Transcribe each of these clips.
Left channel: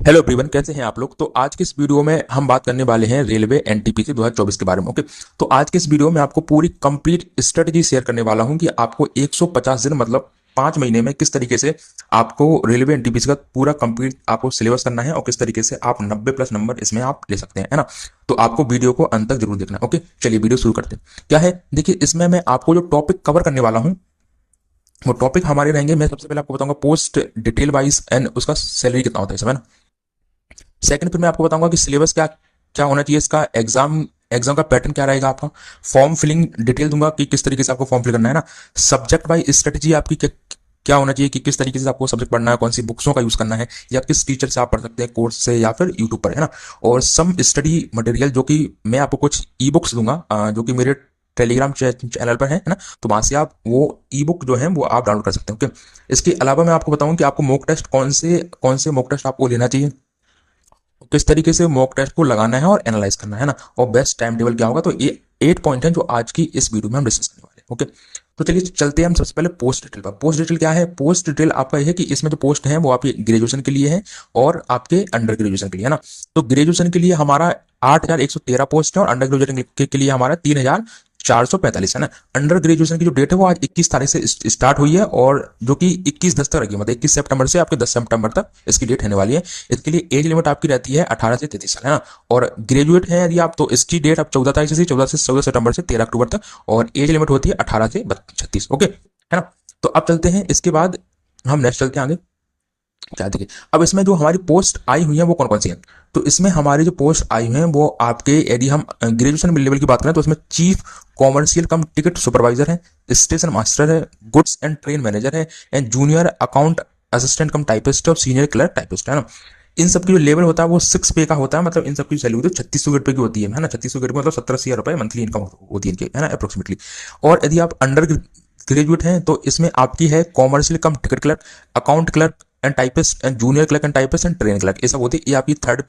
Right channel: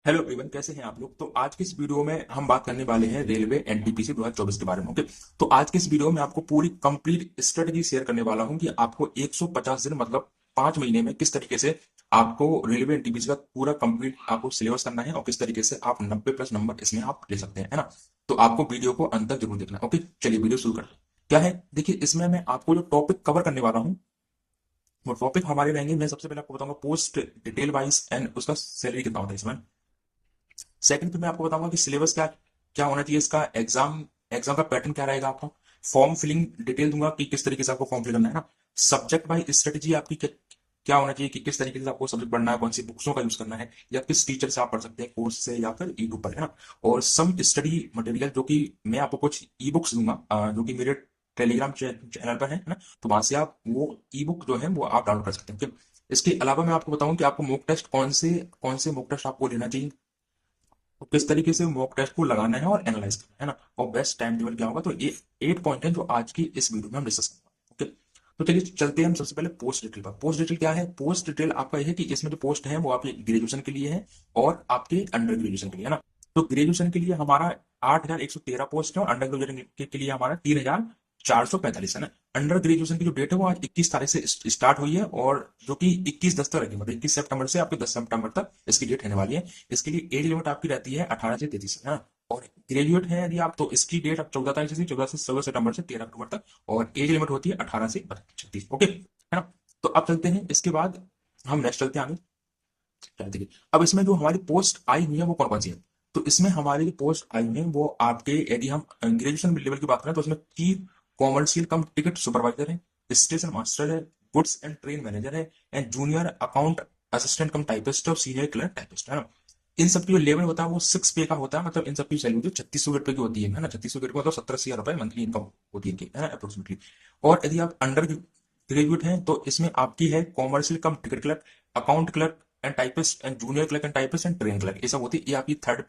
Hello everyone, कैसे हैं आप लोग। तो आज के इस वीडियो में हम बात करने वाले हैं रेलवे एनटीपीसी 2024 के बारे में। ओके, तो आज के इस वीडियो में आपको पूरी कंप्लीट स्ट्रेटजी शेयर करने वाला हूं कि आपको 150 दिन मतलब 5 महीने में किस तरीके से आपको रेलवे एनटीपीसी का पूरा कंप्लीट आपको सिलेबस करना है और किस तरीके से आप 90+ नंबर इसमें आप ले सकते हैं, है ना। तो आपको वीडियो को अंत तक जरूर देखना है। ओके, चलिए वीडियो शुरू करते हैं। क्या है, देखिए, इसमें मैं आपको जो टॉपिक कवर करने वाला हूँ वो टॉपिक हमारे रहेंगे। मैं सबसे पहले आपको बताऊंगा पोस्ट डिटेल वाइज एंड उसका सैलरी कितना होता है इसमें ना। सेकंड, फिर मैं आपको बताऊंगा कि सिलेबस क्या क्या होना चाहिए, इसका एग्जाम एग्जाम का पैटर्न क्या रहेगा आपका। फॉर्म फिलिंग डिटेल दूंगा कि किस तरीके से आपको फॉर्म फिल करना है ना। सब्जेक्ट वाइज स्ट्रेटेजी आपकी क्या क्या होना चाहिए कि किस तरीके से आपको सब्जेक्ट पढ़ना है, कौन सी बुक्सों का यूज करना है या किस टीचर से आप पढ़ सकते हैं, कोर्स से या फिर यूट्यूब पर, है ना। और सम स्टडी मटेरियल जो कि मैं आपको कुछ ई बुक्स दूंगा, जो कि मेरे टेलीग्राम चैनल पर है ना। तो वहां से आप वो ई बुक जो है वो आप डाउनलोड कर सकते हैं। ओके, इसके अलावा मैं आपको बताऊं कि आपको मॉक टेस्ट कौन से मॉक टेस्ट आपको लेना चाहिए, किस तरीके से मॉक टेस्ट को लगाना है और एनालाइज करना है ना, और बेस्ट टाइम टेबल क्या होगा। तो ये 8 पॉइंट है जो आज की इस वीडियो में हम डिस्कस करने वाले हैं। ओके, तो चलिए चलते हैं हम सबसे पहले पोस्ट डिटेल पर। पोस्ट डिटेल क्या है, पोस्ट डिटेल आपका यह है कि इसमें जो पोस्ट है वो आपके ग्रेजुएशन के लिए है और आपके अंडर ग्रेजुएशन के लिए, है ना। तो ग्रेजुएशन के लिए हमारा 8,113 पोस्ट है और अंडर ग्रेजुएशन के लिए हमारा 3,445, है ना। अंडर ग्रेजुएशन की जो डेट है वो आज 21 तारीख से स्टार्ट हुई है और जो कि 21/10 तक रखी है, मतलब 21 सितंबर से आपके 10 सितंबर तक इसकी डेट रहने वाली है। इसके लिए एज लिमिट आपकी रहती है 18 से 33 साल, है ना। और ग्रेजुएट है यदि आप, तो इसकी डेट आप 14 तारीख से 14 सितंबर से 13 अक्टूबर तक, और एज लिमिट होती है 18 से 36। ओके, है ना। तो अब चलते हैं, इसके बाद हम नेक्स्ट चलते हैं आगे। क्या देखिए, अब इसमें जो हमारी पोस्ट आई हुई है वो कौन कौन सी है। तो इसमें हमारी जो पोस्ट आई हुई है वो आपके, यदि हम ग्रेजुएशन लेवल की बात करें तो इसमें चीफ कॉमर्शियल कम टिकट सुपरवाइजर है, स्टेशन मास्टर है, गुड्स एंड ट्रेन मैनेजर है, and junior account assistant come typist और सीनियर क्लर्क टाइपिस्ट, है ना। इन सब की जो लेवल होता है वो 6 पे का होता है, मतलब इन सब की सैलरी 3600 रुपए की होती है ना। 3600 मतलब 17,000 रुपए मंथली इनकम होती है इनकी, है ना, अप्रोक्सीमेटली। और यदि आप अंडर ग्रेजुएट हैं तो इसमें आपकी है commercial come ticket clerk, account clerk and typist, and junior clerk and typist and train clerk, ये सब होती है। ये आपकी थर्ड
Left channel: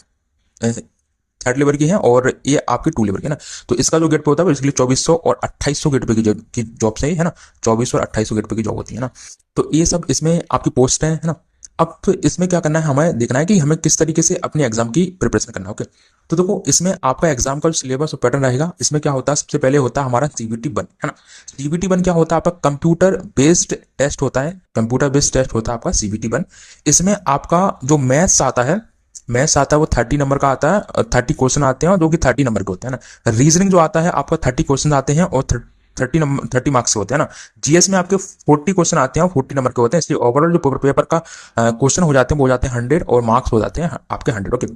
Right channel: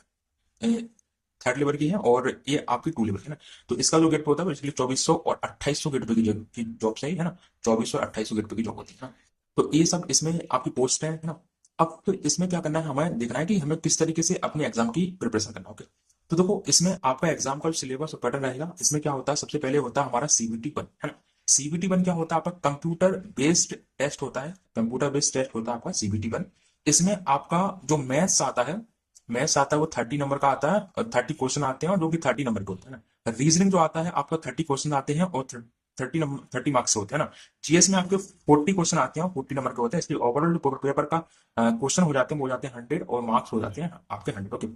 लेवल की है और ये आपकी 2 लेवल की है ना। तो इसका जो गेट पे होता है इसके लिए 2400 और 2800 गेट पे की जॉब सही है ना। 2400 और 2800 गेट पे की जॉब होती है ना। तो ये सब इसमें आपकी पोस्ट है ना। अब तो इसमें क्या करना है, हमें देखना है कि हमें किस तरीके से अपने एग्जाम की प्रिपरेशन करना है। ओके, तो देखो, इसमें आपका एग्जाम का जो सिलेबस और पैटर्न रहेगा, इसमें क्या होता है, सबसे पहले होता है हमारा CBT 1, है ना। CBT 1 क्या होता है, आपका कंप्यूटर बेस्ड टेस्ट होता है। कंप्यूटर बेस्ड टेस्ट होता है आपका CBT 1। इसमें आपका जो मैथ्स आता है वो 30 नंबर का आता है, 30 क्वेश्चन आते हैं और जो कि 30 नंबर के होते हैं ना। रीजनिंग जो आता है आपका 30 क्वेश्चन आते हैं और 30 मार्क्स के होते हैं ना। जीएस में आपके 40 क्वेश्चन आते हैं और 40 नंबर के होते हैं, इसलिए ओवरऑल जो पेपर का क्वेश्चन हो जाते हैं वो हो जाते हैं 100 और मार्क्स हो जाते हैं आपके 100। ओके,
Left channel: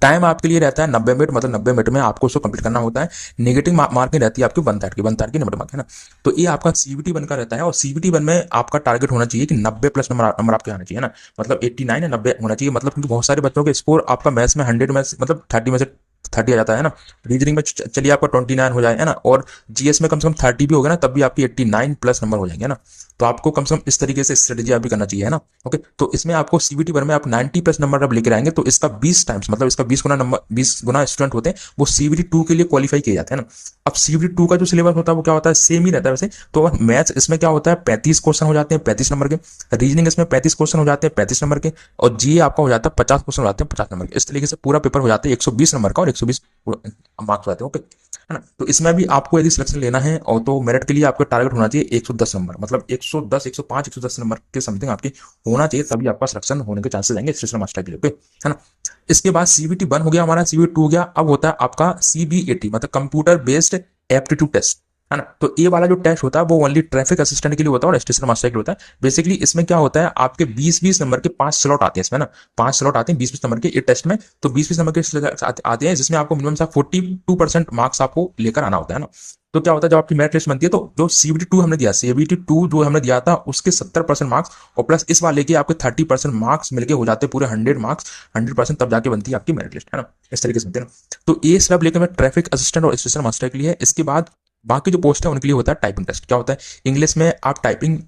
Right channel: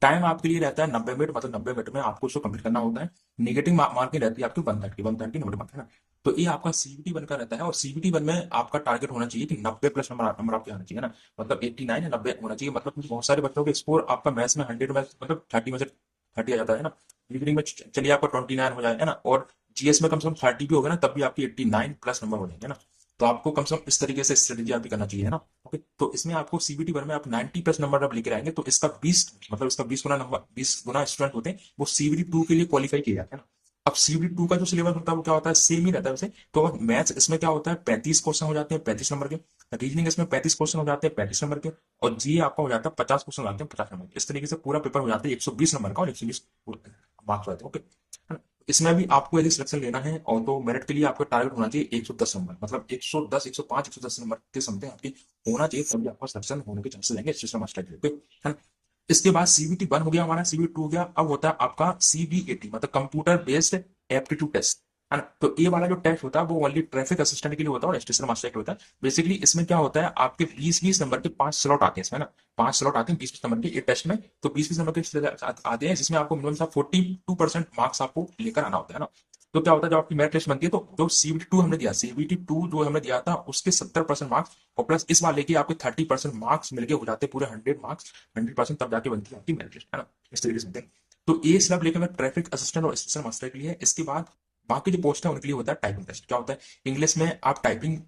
टाइम आपके लिए रहता है 90 मिनट, मतलब 90 मिनट में आपको उसको कंप्लीट करना होता है। नेगेटिव मार्किंग रहती है आपकी 130 की 90 मार्क, है ना। तो ये आपका CBT 1 का रहता है और CBT 1 में आपका टारगेट होना चाहिए कि 90+ नंबर आपके आना चाहिए ना। मतलब 89 या 90 होना चाहिए, मतलब क्योंकि बहुत सारे बच्चों के स्कोर आपका मैथ्स में 100 में मतलब 30 में से 30 आ जाता है ना। रीजनिंग में चलिए आपका 29 हो जाए, है ना। और जीएस में कम से कम 30 भी होगा ना, तब भी आपकी 89+ नंबर हो जाएंगे ना। तो आपको कम से कम इस तरीके से स्ट्रेटेजी आप भी करना चाहिए, है ना। ओके, तो इसमें आपको CBT 1 में आप 90+ नंबर अब लेकर आएंगे तो इसका 20 टाइम्स, मतलब इसका 20 गुना नंबर, 20 गुना स्टूडेंट होते हैं वो CBT 2 के लिए क्वालिफाई किए जाते हैं ना। अब CBT 2 का जो सिलेबस होता है वो क्या होता है, सेम ही रहता है वैसे। तो मैथ्स इसमें क्या होता है, 35 क्वेश्चन हो जाते हैं 35 नंबर के। रीजनिंग इसमें 35 क्वेश्चन हो जाते हैं 35 नंबर के। और जी आपका हो जाता है 50 क्वेश्चन हो जाते हैं 50 नंबर के। इस तरीके से पूरा पेपर हो जाता है 120 नंबर का और 120 मार्क्स हो जाते हैं। ओके, है ना। तो इसमें भी आपको यदि सिलेक्शन लेना है और तो मेरिट के लिए आपका टारगेट होना चाहिए 110 नंबर, मतलब 110 105 110 नंबर के समथिंग आपके होना चाहिए, तभी आपका सिलेक्शन होने के चांसेस रहेंगे स्टेशन मास्टर के लिए। ओके, है ना। इसके बाद CBT 1 हो गया हमारा, CBT 2 हो गया। अब होता है आपका CBAT, मतलब कंप्यूटर बेस्ड एप्टीट्यूड टेस्ट, है ना। तो ये वाला जो टेस्ट होता है वो ओनली ट्रैफिक असिस्टेंट के लिए होता है और स्टेशन मास्टर के लिए होता है। बेसिकली इसमें क्या होता है, आपके 20-20 नंबर के 5 स्लॉट आते हैं इसमें ना। 5 स्लॉट आते हैं 20-20 नंबर के ये टेस्ट में। तो 20-20 नंबर के आते हैं जिसमें आपको मिनिमम 42% मार्क्स आपको लेकर आना होता है ना। तो क्या होता है, जब आपकी मेरिट लिस्ट बनती है तो जो CBT 2 हमने दिया, CBT 2 जो हमने दिया था उसके 70% मार्क्स और प्लस इस वाले के आपके 30% मार्क्स मिलके हो जाते हैं पूरे 100 मार्क्स। 100% तब जाके बनती है आपकी मेरिट लिस्ट, है ना। इस तरीके से बनती है ना। तो ये सब लेकर मैं ट्रैफिक असिस्टेंट और स्टेशन मास्टर के लिए है। इसके बाद बाकी जो पोस्ट है उनके लिए होता है टाइपिंग टेस्ट। क्या होता है, इंग्लिश में आप टाइपिंग,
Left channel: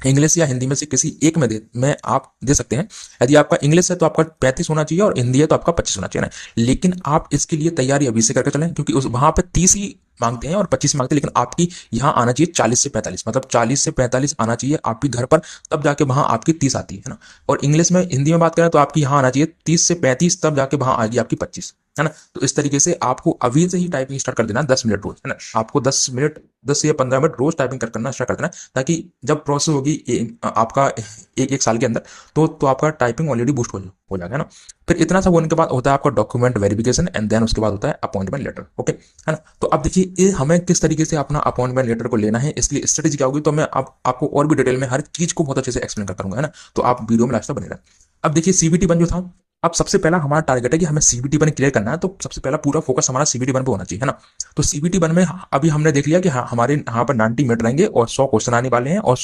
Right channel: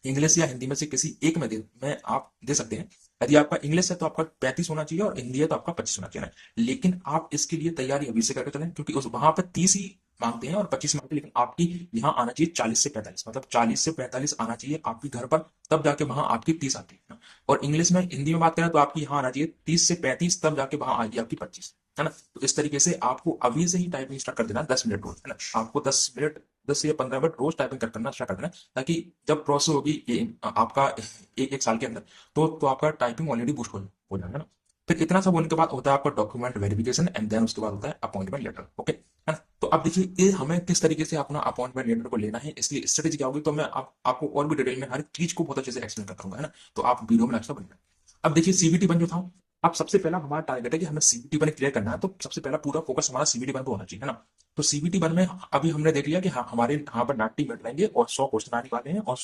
इंग्लिश या हिंदी में से किसी एक में आप दे सकते हैं। यदि आपका इंग्लिश है तो आपका 35 होना चाहिए और हिंदी है तो आपका 25 होना चाहिए ना। लेकिन आप इसके लिए तैयारी अभी से करके चलें, क्योंकि उस वहां पे 30 ही मांगते हैं और 25 मांगते हैं, लेकिन आपकी यहाँ आना चाहिए 40 से 45, मतलब 40 से 45 आना चाहिए आपकी घर पर, तब जाके वहां आपकी 30 आती है ना। और इंग्लिश में हिंदी में बात करें तो आपकी यहाँ आना चाहिए 30 से 35, तब जाके वहां आएगी आपकी 25, है ना। तो इस तरीके से आपको अभी से ही टाइपिंग स्टार्ट कर देना, 10 मिनट रोज, है ना। आपको 10 मिनट, 10 या 15 मिनट रोज टाइपिंग करना स्टार्ट कर देना, ताकि जब प्रोसेस होगी आपका एक एक साल के अंदर, तो आपका टाइपिंग ऑलरेडी बूस्ट हो जाएगा ना। फिर इतना सब होने के बाद होता है आपका डॉक्यूमेंट वेरिफिकेशन, एंड देन उसके बाद होता है अपॉइंटमेंट लेटर, ओके, है ना। तो अब देखिए ये हमें किस तरीके से अपना अपॉइंटमेंट लेटर को लेना है, इसलिए स्ट्रेटेजी क्या होगी, तो मैं आपको और भी डिटेल में हर चीज को बहुत अच्छे से एक्सप्लेन करता हूँ, है ना। तो आप वीडियो में लास्ट तक बने रहें। अब देखिए सीबीटी वन जो था, अब सबसे पहला हमारा टारगेट है कि हमें सीबीटी वन क्लियर करना है, तो सबसे पहला पूरा फोकस हमारा सीबीटी वन पे होना चाहिए, है ना। तो सीबीटी वन में अभी हमने देख लिया कि हमारे यहाँ पर 90 मिनट रहेंगे और 100 क्वेश्चन आने वाले हैं, और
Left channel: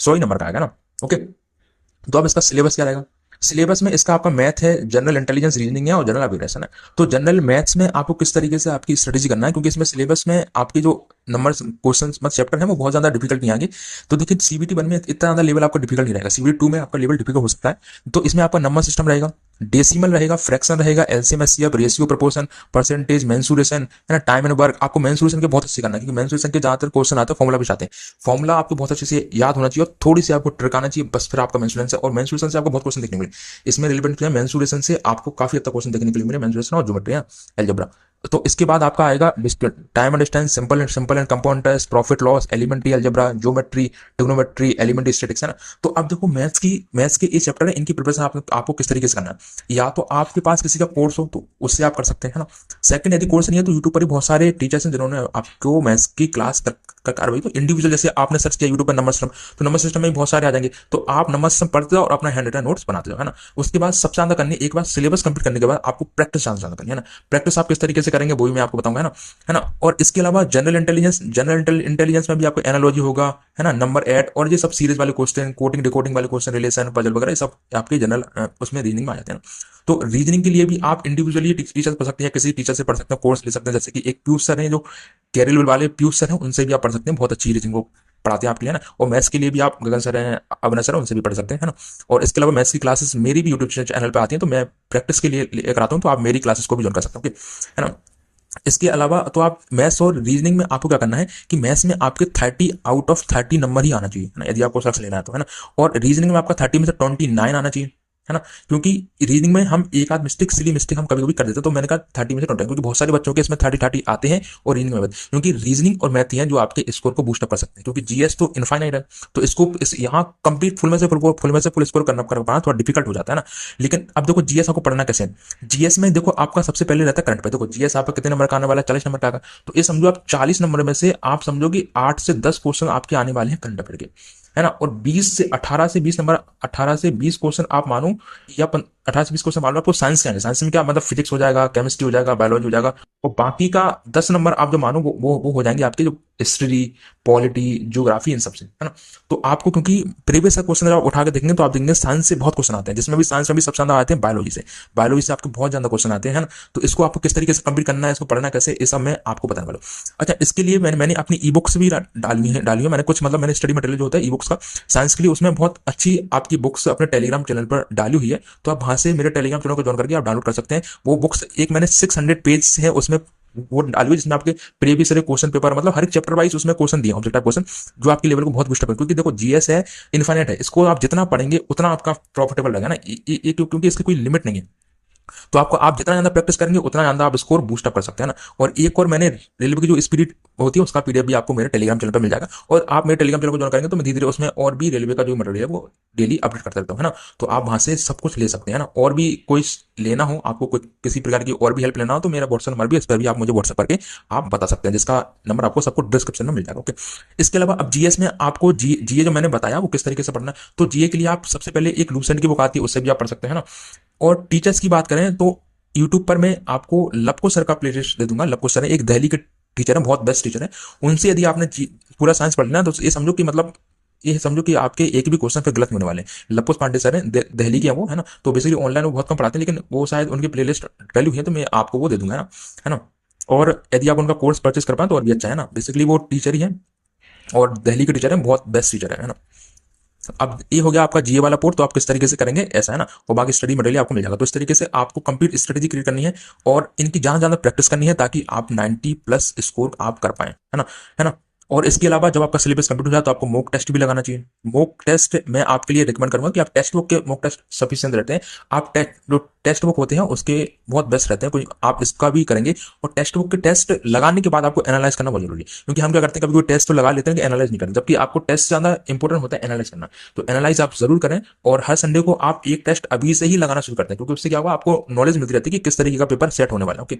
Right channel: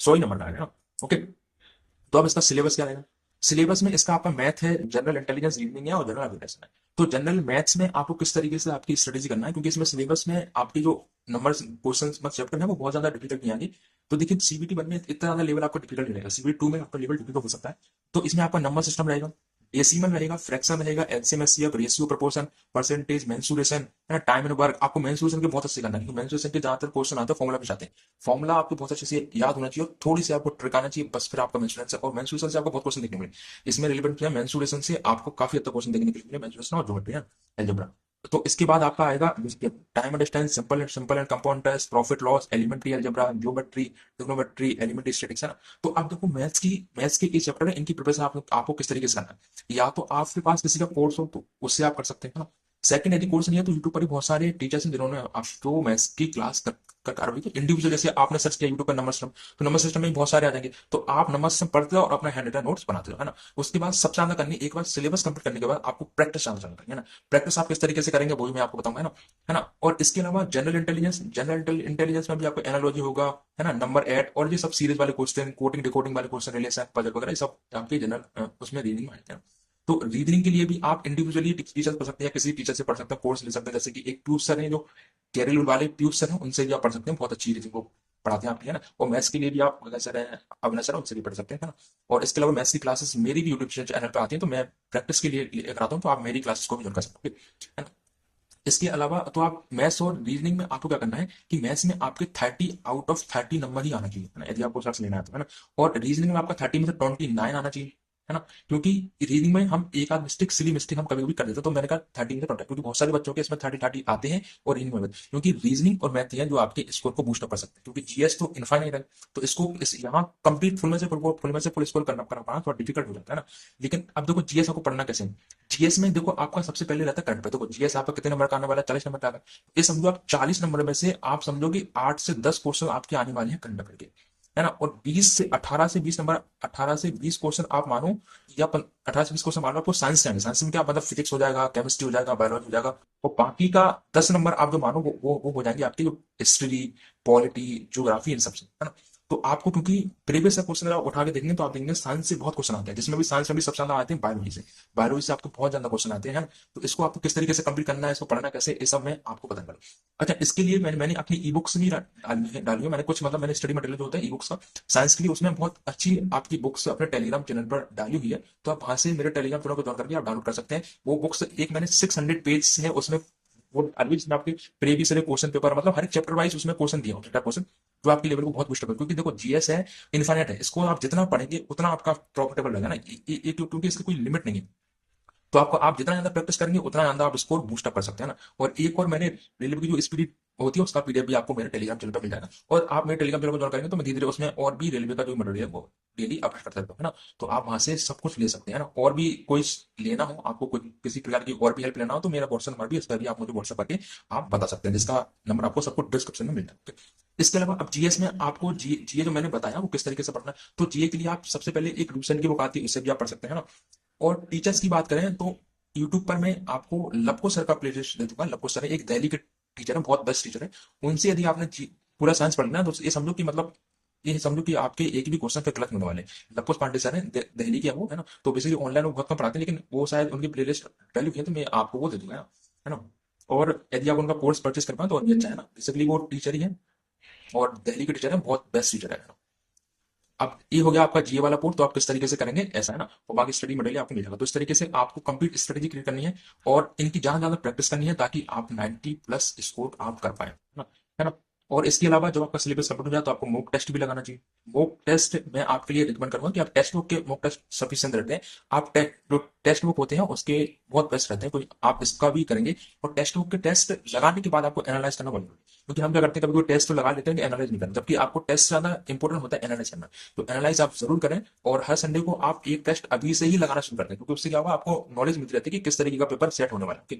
100 ही नंबर का आएगा ना, ओके। तो अब इसका सिलेबस क्या रहेगा। सिलेबस में इसका आपका मैथ है, जनरल इंटेलिजेंस रीजनिंग है, और जनरल अवेयरनेस है। तो जनरल मैथ्स में आपको किस तरीके से आपकी स्ट्रेटेजी करना है, क्योंकि इसमें सिलेबस में आपके जो नंबर क्वेश्चन मतलब चैप्टर है वो बहुत ज्यादा डिफिकल्ट नहीं आएंगे। तो देखिए सीबीटी वन में इतना ज्यादा लेवल आपका डिफिकल्ट नहीं रहेगा, सीबीटी टू में आपका लेवल डिफिकल्ट हो सकता है। तो इसमें आपका नंबर सिस्टम रहेगा, डेसिमल रहेगा, फ्रैक्शन रहेगा, LCM HCF, ratio proportion, percentage, mensuration, है ना, टाइम एंड वर्क। आपको मेंसुरेशन के बहुत अच्छे करना है, क्योंकि मेंसुरेशन के ज्यादातर क्वेश्चन आते हैं फॉर्मुला भी आते हैं। फॉर्मुला आपको बहुत अच्छे से याद होना चाहिए और थोड़ी सी आपको ट्रिक आना चाहिए, बस फिर आपका मेंसुरेशन से, और मेंसुरेशन से आपको बहुत क्वेश्चन देखने को मिले। इसमें रिलेवेंट क्या है, मेंसुरेशन से आपको काफी हद तक क्वेश्चन देखने के लिए मिले, मेंसुरेशन और ज्योमेट्री है, अलजेब्रा। तो इसके बाद आपका आएगा time and distance, simple and compound test, profit loss, elementary algebra, geometry, trigonometry, elementary statics, है ना। तो अब देखो मैथ्स के इस चैप्टर है, इनकी प्रिपरेशन आपको किस तरीके से करना है। या तो आपके पास किसी का कोर्स हो तो उससे आप कर सकते हैं, है ना। सेकंड, यदि कोर्स नहीं है तो यूट्यूब पर ही बहुत सारे टीचर्स हैं जिन्होंने आपको मैथ्स की क्लास कर रही। तो इंडिविजुअल जैसे आपने सर्च किया यूट्यूब पर नंबर सिस्टम, तो नंबर सिस्टम में बहुत सारे आ जाएंगे, तो आप नंबर सिस्टम पढ़ते हो और अपना हैंड रिटन नोट्स बनाते हो, है ना। उसके बाद सबसे ज्यादा करनी है, एक बार सिलेबस कंप्लीट करने के बाद आपको प्रैक्टिस ज्यादा करनी है ना। प्रैक्टिस आप किस तरीके से करेंगे वो भी मैं आपको बताऊंगा, है ना। और इसके अलावा जनरल इंटेलिजेंस में भी आपको एनालॉजी होगा, है ना, नंबर ऐड, और ये सब सीरीज वाले क्वेश्चन, कोडिंग डिकोडिंग वाले क्वेश्चन, रिलेशन, पजल वगैरह, ये सब आपके जनरल उसमें रीजनिंग में आ जाते हैं ना। तो रीजनिंग के लिए भी आप इंडिविजुअली टीचर पढ़ सकते हैं, किसी टीचर से पढ़ सकते हैं, कोर्स ले सकते हैं, जैसे कि एक पीयूष सर हैं जो केरल वाले पीयूष सर हैं, उनसे भी आप पढ़ सकते हैं, बहुत अच्छी रीजनिंग को पढ़ाते हैं आपके लिए ना। और मैथ्स के लिए भी आप गगन सर हैं, अविनाश सर हैं, उनसे भी पढ़ सकते हैं, है ना। और इसके अलावा मैथ्स की क्लासेस मेरी भी यूट्यूब चैनल पे आती हैं, तो मैं प्रैक्टिस के लिए कराता हूँ, तो आप मेरी क्लासेस को भी ज्वाइन कर सकते हो, है ना। इसके अलावा तो आप मैथ्स और रीजनिंग में आपको क्या करना है कि मैथ्स में आपके 30 आउट ऑफ 30 नंबर ही आना चाहिए, है ना, यदि आपको सक्सेस लेना है तो, है ना। और रीजनिंग में आपका 30 में से 29 आना चाहिए, है ना। क्योंकि रीजनिंग में हम एक आध मिस्टेक, सिली मिस्टेक हम कभी कभी कर देते हैं, तो मैंने कहा 30 में से 20, क्योंकि बहुत सारे बच्चों के इसमें 30 आते हैं और रीजनिंग में, क्योंकि रीजनिंग और मैथ ही हैं जो आपके स्कोर को बूस्ट अप कर सकते हैं, क्योंकि जीएस तो इनफाइनाइट है। तो इसको यहाँ कंप्लीट फुल स्कोर कर पाना थोड़ा डिफिकल्ट हो जाता है ना। लेकिन अब देखो जीएस आपको पढ़ना कैसे है। जीएस में देखो आपका सबसे पहले रहता है करंट पे। देखो जीएस आपका कितने नंबर का आने वाला है, 40 नंबर का आएगा। तो ये समझो आप 40 नंबर में से आप समझो कि 8 से 10 क्वेश्चन आपके आने वाले हैं करंट अफेयर के, है ना। और 18 से 20 नंबर, 18 से 20 क्वेश्चन आप मानो, या 18 से 20 क्वेश्चन मान लो आपको साइंस के आएंगे। साइंस में क्या मतलब फिजिक्स हो जाएगा, केमिस्ट्री हो जाएगा, बायोलॉजी हो जाएगा। और बाकी का 10 नंबर आप जो मानो वो हो जाएंगे आपके जो हिस्ट्री, पॉलिटी, ज्योग्राफी, इन सबसे, है ना। तो आपको क्योंकि प्रीवियस का क्वेश्चन जब उठा के देखेंगे तो आप देखेंगे साइंस से बहुत क्वेश्चन आते हैं, जिसमें भी साइंस में भी सबसे ज्यादा आते हैं बायोलॉजी से। बायोलॉजी से आपको बहुत ज्यादा क्वेश्चन आते हैं, है ना। तो इसको आपको किस तरीके से कंप्लीट करना है, इसको पढ़ना कैसे, ये सब मैं आपको बताने वाला हूँ। अच्छा, इसके लिए मैंने अपनी ई बुक्स भी डाली है मैंने कुछ, मतलब मैंने स्टडी मटेरियल जो होता है ई बुक्स का साइंस के लिए, उसमें बहुत अच्छी आपकी बुक्स अपने टेलीग्राम चैनल पर डाली हुई है। तो आप वहां से मेरे टेलीग्राम चैनल को ज्वाइन करके आप डाउनलोड कर सकते हैं वो बुक्स। एक मैंने 600 पेज है उसमें वो डाली हुई, जिसमें आपके प्रीवियस क्वेश्चन पेपर, मतलब हर एक चैप्टर वाइज उसमें क्वेश्चन दिए, ऑब्जेक्टिव क्वेश्चन, जो आपके लेवल को बहुत बूस्ट अप करें। क्योंकि देखो जीएस है, इनफाइनाइट है, इसको आप जितना पढ़ेंगे उतना आपका प्रॉफिटेबल रहेगा ना, क्योंकि इसकी कोई लिमिट नहीं है। तो आपको, आप जितना ज्यादा प्रैक्टिस करेंगे उतना ज्यादा आप स्कोर बूस्ट अप कर सकते हैं ना। और एक और मैंने रेलवे की जो स्पीड होती है उसका पीडीएफ भी आपको मेरे टेलीग्राम चैनल पर मिल जाएगा। और आप मेरे टेलीग्राम चैनल को ज्वाइन करेंगे तो मैं धीरे धीरे उसमें और भी रेलवे का जो मटेरियल है वो डेली अपडेट करता रहता हूँ, है ना। तो आप वहां से सब कुछ ले सकते हैं ना। और भी कोई लेना हो आपको, कोई किसी प्रकार की और भी हेल्प लेना हो, तो मेरा व्हाट्सएप नंबर भी, इस पर भी आप मुझे व्हाट्सएप करके आप बता सकते हैं, जिसका नंबर आपको सबको डिस्क्रिप्शन में मिल जाएगा, ओके। इसके अलावा अब जीएस में आपको जीए जो मैंने बताया वो किस तरीके से पढ़ना है, तो जीए के लिए आप सबसे पहले एक लूसेंट की बुक आती है, उससे भी आप पढ़ सकते हैं ना। और टीचर्स की बात करें तो यूट्यूब पर मैं आपको लपको सर का प्लेलिस्ट दे दूंगा। लपको सर है एक दिल्ली के टीचर है, बहुत बेस्ट टीचर है। उनसे यदि आपने पूरा साइंस पढ़ लेना तो ये समझो कि मतलब, ये समझो कि आपके एक भी क्वेश्चन फिर गलत नहीं होने वाले। लपकुश पांडे सर हैं, दिल्ली के हैं वो, है ना। तो बेसिकली ऑनलाइन वो बहुत कम पढ़ाते हैं, लेकिन वो शायद उनकी प्लेलिस्ट डली हुई है, तो मैं आपको वो दे दूंगा, है ना। और यदि आप उनका कोर्स परचेस कर पाए तो और भी अच्छा है ना। बेसिकली वो टीचर ही है और दिल्ली के टीचर है, बहुत बेस्ट टीचर है ना। अब ये हो गया आपका जीए वाला पोर्ट, तो आप किस तरीके से करेंगे ऐसा है ना, और बाकी स्टडी मटेरियल आपको मिल जाएगा। तो इस तरीके से आपको कंप्लीट स्ट्रेटेजी क्रिएट करनी है और इनकी ज्यादा ज्यादा प्रैक्टिस करनी है ताकि आप 90+ स्कोर आप कर पाए, है ना, है ना। और इसके अलावा जब आपका सिलेबस कंप्लीट हो जाए तो आपको मॉक टेस्ट भी लगाना चाहिए। मॉक टेस्ट मैं आपके लिए रिकमेंड करूंगा कि आप टेक्स्ट बुक के मॉक टेस्ट सफिशिएंट रहते हैं। आप जो टेक्स्ट बुक होते हैं उसके बहुत बेस्ट रहते हैं, कोई आप इसका भी करेंगे। और टेक्स्ट बुक के टेस्ट लगाने के बाद आपको एनालाइज करना बहुत जरूरी है, क्योंकि हम क्या करते हैं कभी कोई टेस्ट तो लगा लेते हैं कि एनालाइज नहीं करते, जबकि आपको टेस्ट ज्यादा इंपॉर्टेंट होता है एनालाइज करना। तो एनालाइज आप जरूर करें, और हर संडे को आप एक टेस्ट अभी से ही लगाना शुरू करते हैं, क्योंकि उससे क्या होगा आपको नॉलेज मिलती रहती है कि किस तरीके का पेपर सेट होने वाला है। ओके,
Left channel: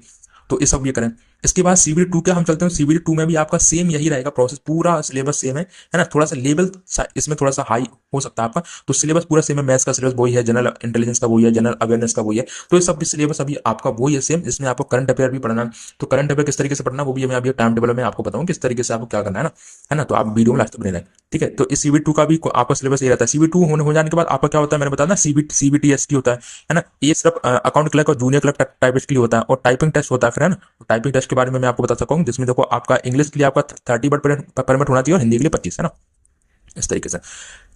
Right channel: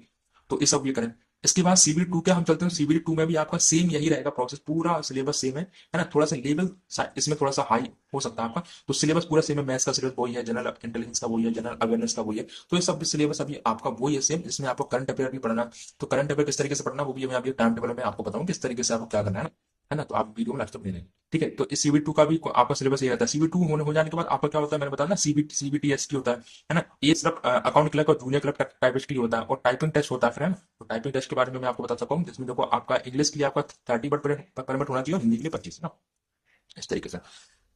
तो ये सब ये करें। इसके बाद सीबीडी 2 के हम चलते हैं। सीबीडी 2 में भी आपका सेम यही रहेगा प्रोसेस, पूरा सिलेबस सेम है ना। थोड़ा सा लेवल इसमें थोड़ा सा हाई हो सकता है आपका, तो सिलेबस पूरा सेम है। मैथ्स का सिलेबस वही है, जनरल इंटेलिजेंस का वही है, जनरल अवेयरनेस का वही है। तो ये सब सिलेबस अभी आपका वही है सेम। इसमें आपको करंट अफेयर भी पढ़ना है। तो करंट अफेयर किस तरीके से पढ़ना वो भी मैं अभी टाइम टेबल में आपको बताऊं किस तरीके से आपको क्या करना है ना। तो आप वीडियो में लास्ट तक बने रहें, ठीक है। तो इस सीबी 2 का भी आपका सिलेबस ये रहता है। सीबी 2 हो जाने के बाद आपका क्या होता है मैंने बताया ना, सीबीटी एसटी होता है ना। ये सिर्फ अकाउंट क्लर्क और जूनियर क्लर्क टाइपिस्ट के लिए होता है, और टाइपिंग टेस्ट होता है फिर, है ना। तो टाइपिंग टेस्ट के बारे में मैं आपको बता सकता हूँ, जिसमें देखो आपका इंग्लिश के लिए आपका 30 वर्ड परमिट होना चाहिए और हिंदी के लिए 25, है ना, इस तरीके से।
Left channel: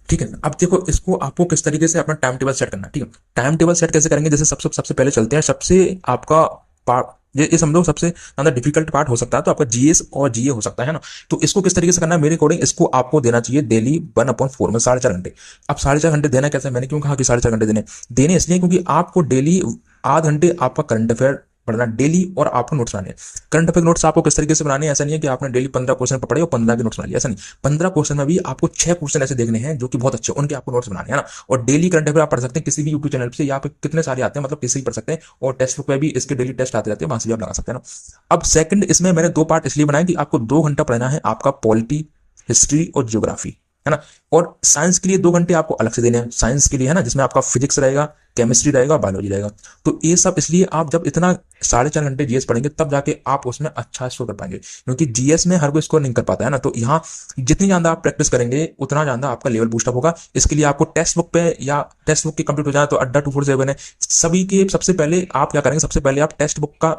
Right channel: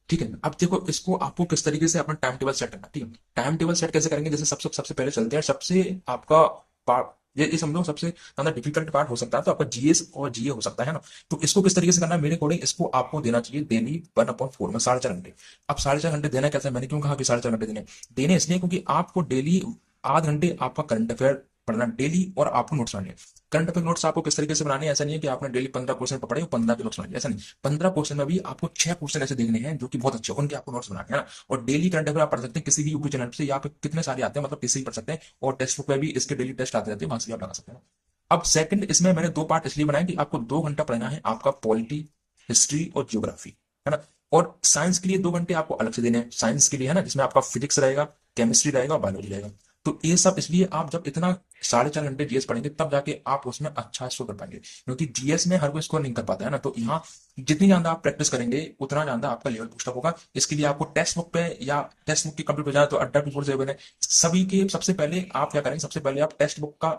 ठीक है, अब देखो इसको आपको किस तरीके से अपना टाइम टेबल सेट करना है, ठीक है। टाइम टेबल सेट कैसे करेंगे, जैसे सबसे सबसे पहले चलते हैं सबसे आपका पार्ट, ये समझो सबसे ज्यादा डिफिकल्ट पार्ट हो सकता है तो आपका जीएस और जीए हो सकता है ना। तो इसको किस तरीके से करना है मेरे अकॉर्डिंग, इसको आपको देना चाहिए डेली 1/4 में 4.5 घंटे। अब 4.5 घंटे देना कैसे, मैंने क्यों कहा कि 4.5 घंटे देने इसलिए क्योंकि आपको डेली आध घंटे आपका करंट अफेयर पढ़ना डेली, और आपको नोट्स बनाने। करंट अफेयर नोट्स आपको किस तरीके से बनाने हैं, ऐसा नहीं है कि आपने डेली 15 क्वेश्चन पढ़े और 15 के नोट्स बना लिए, ऐसा नहीं। 15 क्वेश्चन में भी आपको 6 क्वेश्चन ऐसे देखने हैं जो कि बहुत अच्छे, उनके आपको नोट्स बनाने हैं ना। और डेली करंट अफेयर आप पढ़ सकते हैं किसी भी यूट्यूब चैनल से, या पे कितने सारे आते हैं, मतलब किसी भी पढ़ सकते हैं। और टेक्स्ट बुक में भी इसके डेली टेस्ट आते रहते हैं, वहां से भी आप लगा सकते हैं ना। अब सेकंड इसमें मैंने 2 पार्ट इसलिए बनाए कि आपको 2 घंटा पढ़ना है आपका पॉलिटी, हिस्ट्री और ज्योग्राफी, है ना। और साइंस के लिए 2 घंटे आपको अलग से देने हैं, साइंस के लिए, है ना, जिसमें आपका फिजिक्स रहेगा, केमिस्ट्री रहेगा, बायोलॉजी रहेगा। तो ये सब इसलिए आप जब इतना 4.5 घंटे जीएस पढ़ेंगे तब जाके आप उसमें अच्छा स्कोर कर पाएंगे, क्योंकि जीएस में हर कोई स्कोर नहीं कर पाता है ना। तो यहाँ जितनी ज्यादा आप प्रैक्टिस करेंगे उतना ज्यादा आपका लेवल बूस्टअप होगा। इसके लिए आपको टेक्स्ट बुक पे, या टेक्स्ट बुक की कंप्लीट हो जाए तो अड्डा 247 है सभी के। सबसे पहले आप क्या करेंगे, सबसे पहले आप टेक्स्ट बुक का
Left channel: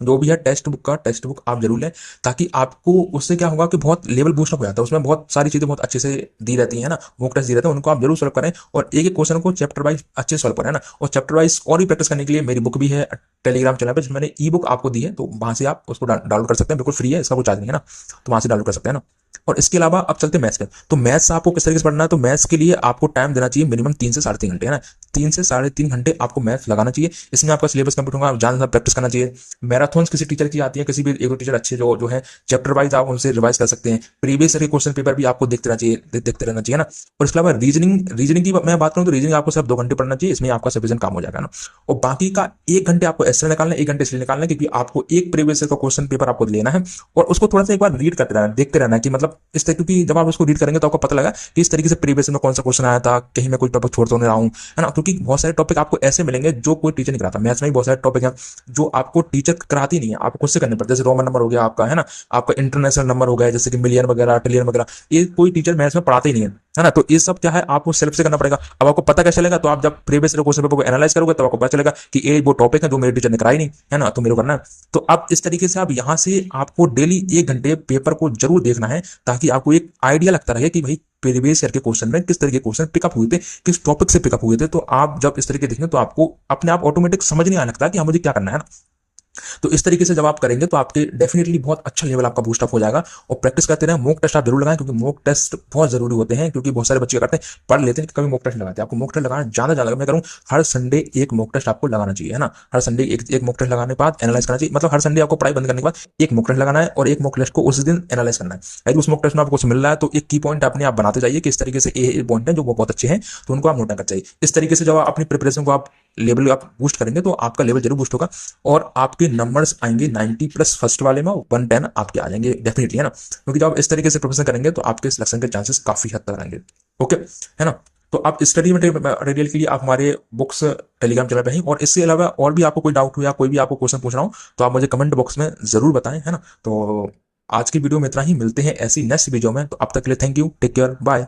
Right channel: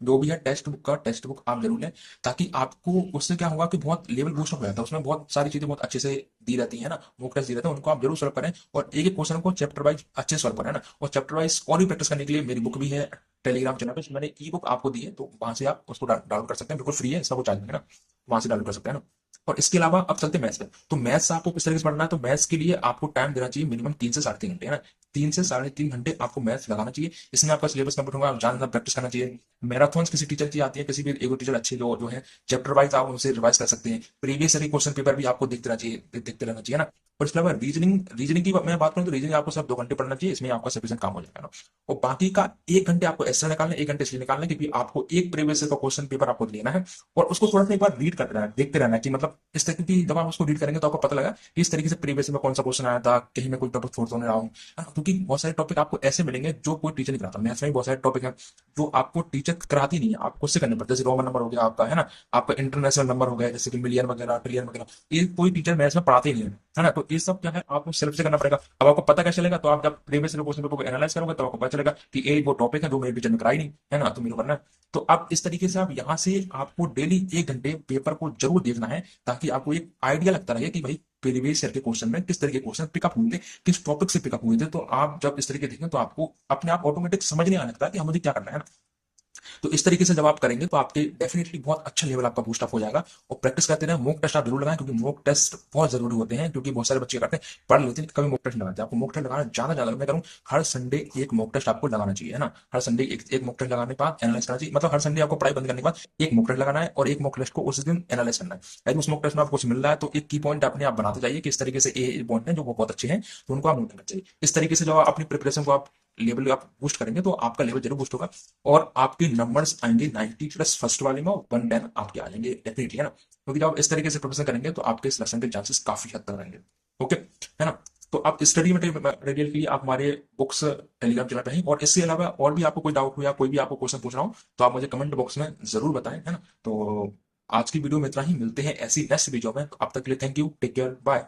जो भी है टेक्स्ट बुक आप जरूर लें, ताकि आपको उससे क्या होगा कि बहुत लेवल बूस्ट अप हो जाता है। उसमें बहुत सारी चीजें बहुत अच्छे से दी रहती है ना, मॉक टेस्ट दी रहते हैं, उनको आप जरूर सॉल्व करें। और एक एक क्वेश्चन को चैप्टर वाइज अच्छे सॉल्व करें ना। और चैप्टर वाइज और भी प्रैक्टिस करने के लिए मेरी बुक भी है टेलीग्राम चैनल पर, मैंने ई बुक आपको दी है, तो वहां से आप उसको डाउनलोड कर सकते हैं, बिल्कुल फ्री है, इसका कोई चार्ज नहीं है ना। तो वहां से डाउनलोड कर सकते हैं ना। और इसके अलावा अब चलते हैं मैथ्स पे। तो मैथ्स आपको किस तरीके से पढ़ना है, तो मैथ्स के लिए आपको टाइम देना चाहिए मिनिमम 3 से 3.5 घंटे, है ना। 3 से 3.5 घंटे आपको मैथ्स लगाना चाहिए। इसमें आपका सिलेबस कंप्लीट होगा, ज्यादा ज्यादा प्रैक्टिस करना चाहिए। मैराथन किसी टीचर की आती है, किसी भी एक दो टीचर अच्छे जो जो है चैप्टर वाइज आप उनसे रिवाइज कर सकते हैं। प्रीवियस ईयर के क्वेश्चन पेपर भी आपको देखते रहना चाहिए ना। और इसके अलावा रीजनिंग की मैं बात करूं तो रीजनिंग आपको सिर्फ 2 घंटे पढ़ना चाहिए, इसमें आपका सफिशिएंट काम हो जाएगा ना। और बाकी का 1 घंटे आपको ऐसे निकालना है, 1 घंटे इसलिए निकालना है क्योंकि आपको एक प्रीवियस ईयर का क्वेश्चन पेपर आपको लेना है, और उसको थोड़ा सा एक बार रीड करते रहना, देखते रहना कि मतलब इस तरह, क्योंकि जब आप उसको रीड करेंगे तो आपको पता लगा कि इस तरीके से प्रीवियस में कौन सा क्वेश्चन आया था, कहीं मैं कोई टॉपिक छोड़ तो नहीं रहा हूं, है ना। क्योंकि बहुत सारे टॉपिक आपको ऐसे मिलेंगे जो कोई टीचर नहीं कराता। मैथ्स में भी बहुत सारे टॉपिक हैं जो आपको टीचर कराती नहीं है, आपको खुद से करने पड़ते हैं। जैसे रोमन नंबर हो गया आपका, है ना, आपका इंटरनेशनल नंबर हो गया, जैसे कि मिलियन वगैरह, ट्रिलियन वगैरह, ये कोई टीचर मैथ्स में पढ़ाते ही नहीं है ना। तो ये सब क्या है आपको सेल्फ से करना पड़ेगा। अब आपको पता कैसे चलेगा, तो आप जब प्रीवियस क्वेश्चन पेपर को एनालाइज करोगे तब आपको पता चलेगा कि ये वो टॉपिक है जो मेरे टीचर ने कराई नहीं, है ना, तो मेरे को करना है। तो अब इस तरीके से आप यहाँ से आपको डेली 1 घंटे पेपर को जरूर देखना है, ताकि आपको एक आइडिया लगता रहे कि भाई प्रीवियस ईयर के क्वेश्चन में किस तरह के क्वेश्चन पिकअप हुए थे, किस टॉपिक से पिकअप हुए थे। तो आप जब इस तरीके देखेंगे तो आपको अपने आप ऑटोमेटिक समझ नहीं आने लगता कि हाँ मुझे क्या करना है ना। तो इस तरीके से जब आप करेंगे तो आपके डेफिनेटली बहुत अच्छा लेवल आपका बूस्ट अप हो जाएगा। और प्रैक्टिस करते रहें, मॉक टेस्ट आप जरूर लगाएं, क्योंकि मॉक टेस्ट बहुत जरूरी होते हैं। क्योंकि बहुत सारे बच्चे करते हैं, पढ़ लेते हैं, कभी मॉक टेस्ट लगाते हैं। आपको मॉक टेस्ट लगाना ज्यादा ज्यादा, मैं करूँ हर संडे एक मॉक टेस्ट आपको लगाना चाहिए, है ना। हर संडे एक मॉक टेस्ट लगाने के बाद एनालाइज करना चाहिए, मतलब हर संडे आपको पढ़ाई बंद करने के बाद एक मॉक टेस्ट लगाना है, और एक मॉक टेस्ट को उस दिन एनालाइज करना है। यदि उस मॉक टेस्ट में आपको कुछ मिल रहा है तो एक की पॉइंट अपने आप बनाते जाइए कि इस तरीके से ये पॉइंट है जो बहुत अच्छे हैं, तो उनको आप नोट करना चाहिए। इस तरीके से जब आप अपनी प्रिपरेशन को आप लेवल आप बूस्ट करेंगे तो आपका लेवल जरूर बूस्ट होगा, और आपके नंबर्स आएंगे 90+ फर्स्ट वाले में, 110 आपके आ जाएंगे डेफिनेटली, है ना। क्योंकि जब आप इस तरीके से प्रिपरेशन करेंगे तो आपके सिलेक्शन के चांसेस काफी हद तक रहेंगे। ओके, है ना। तो आप स्टडी मटेरियल के लिए आप हमारे बुक्स टेलीग्राम चैनल पे हैं, और इसके अलावा और भी आपको कोई डाउट हो या कोई भी आपको क्वेश्चन पूछना हो तो आप मुझे कमेंट बॉक्स में जरूर बताएं, है ना। तो आज की वीडियो में इतना ही, मिलते हैं ऐसी नेक्स्ट वीडियो में। तो अब तक के लिए thank you, take care, bye.